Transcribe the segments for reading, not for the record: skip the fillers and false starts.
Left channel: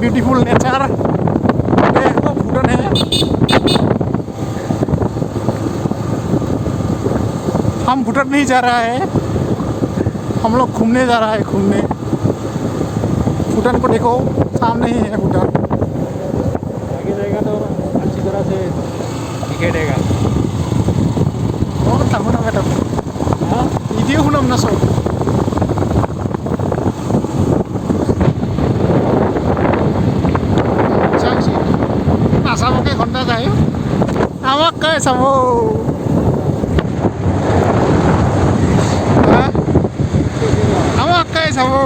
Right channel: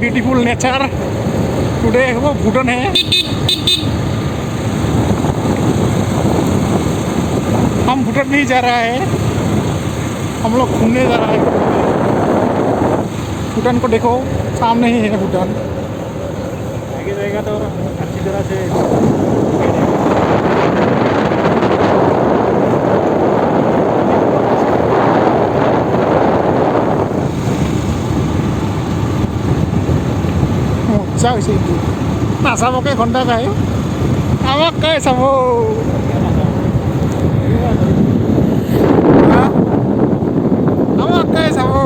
Beautiful nature. वो भूटान है। हम भूटान नहीं जा रहा है, हम लोग घूमने जा रहा है, घूमने। भूटान को देखो, सामने ही है भूटान। आगे जाएगा तो अच्छी तरह से दिखेगा। 이게 훈남 나서. Sao sih? Masa mau kayak Honda kayak? Awak kayak sama. Hah? Awak kayak sama.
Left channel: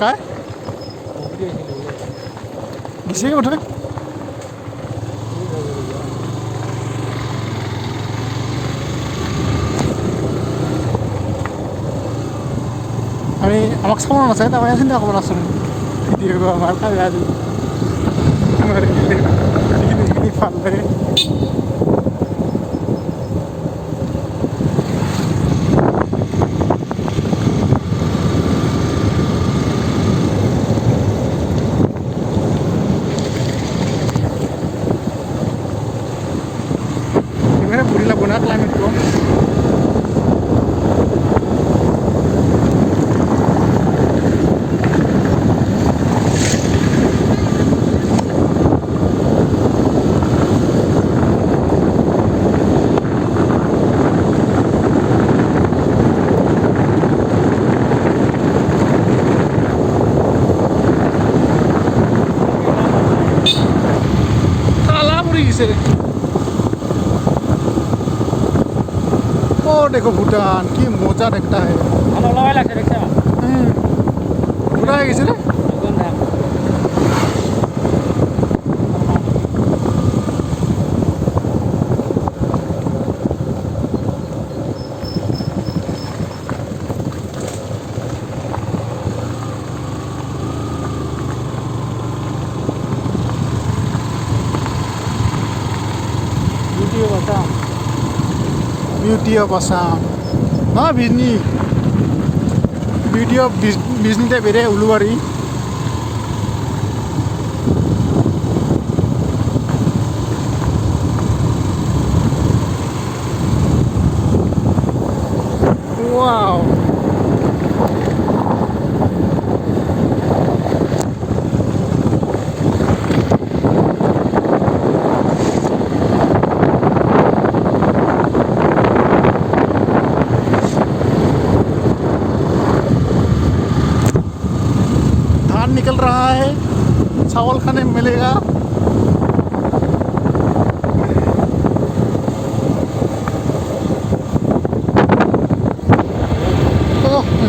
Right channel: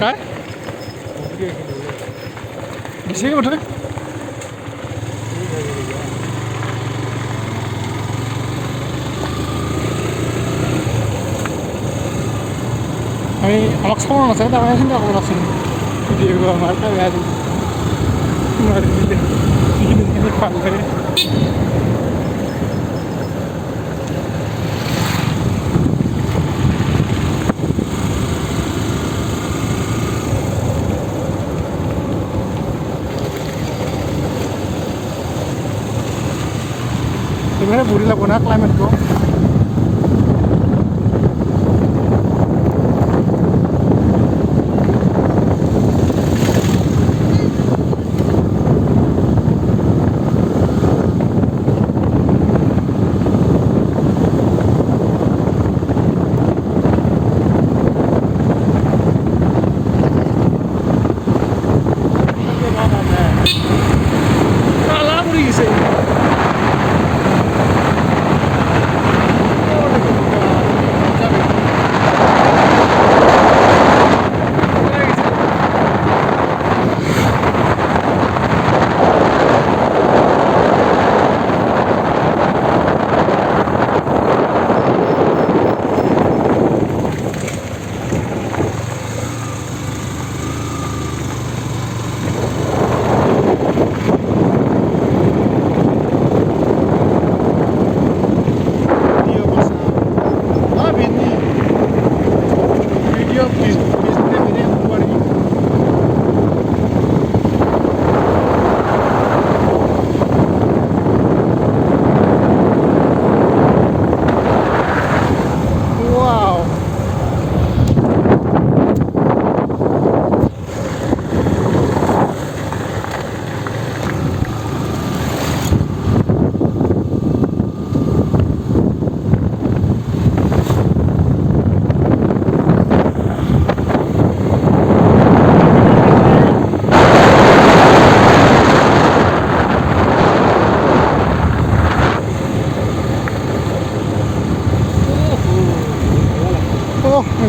Cái? Bisa nggak betul? আমি আমাক চাব নাচায় তাৰমানে চিন্তা কৰিব নাচোন ভিডিঅ' আমাৰ কাই আজি মাৰি দিলে যিখিনি ভাল লাগে। এবারে বুড়ি লাগবো না ক্লাইমেটটো। से ओ देखो भूटान की मजा लगता है पूरा इसे Nah, Bisni video Bisni te bere uluwari wow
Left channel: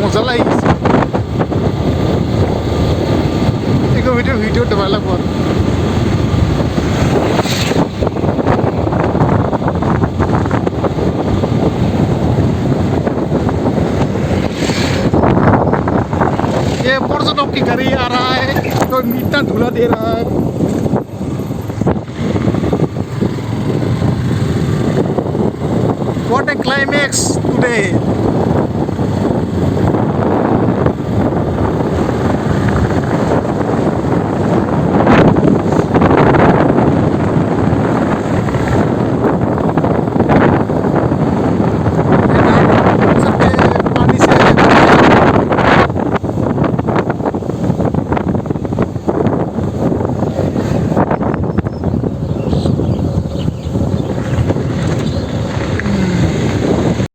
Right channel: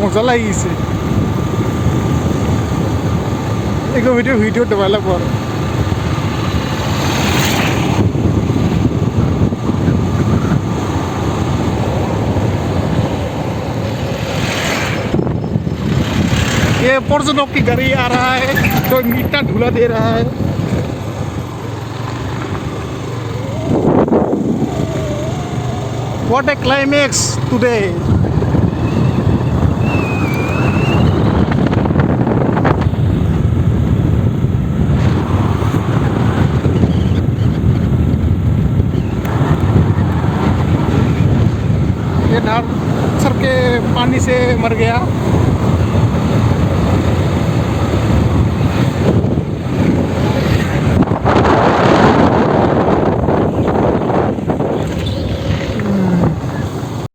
মজা লাগিছে एक वीडियो डेवलप कर ये पर्यटक की गाड़ी आ रहा है तो इतना धुला दे रहा है What a climax today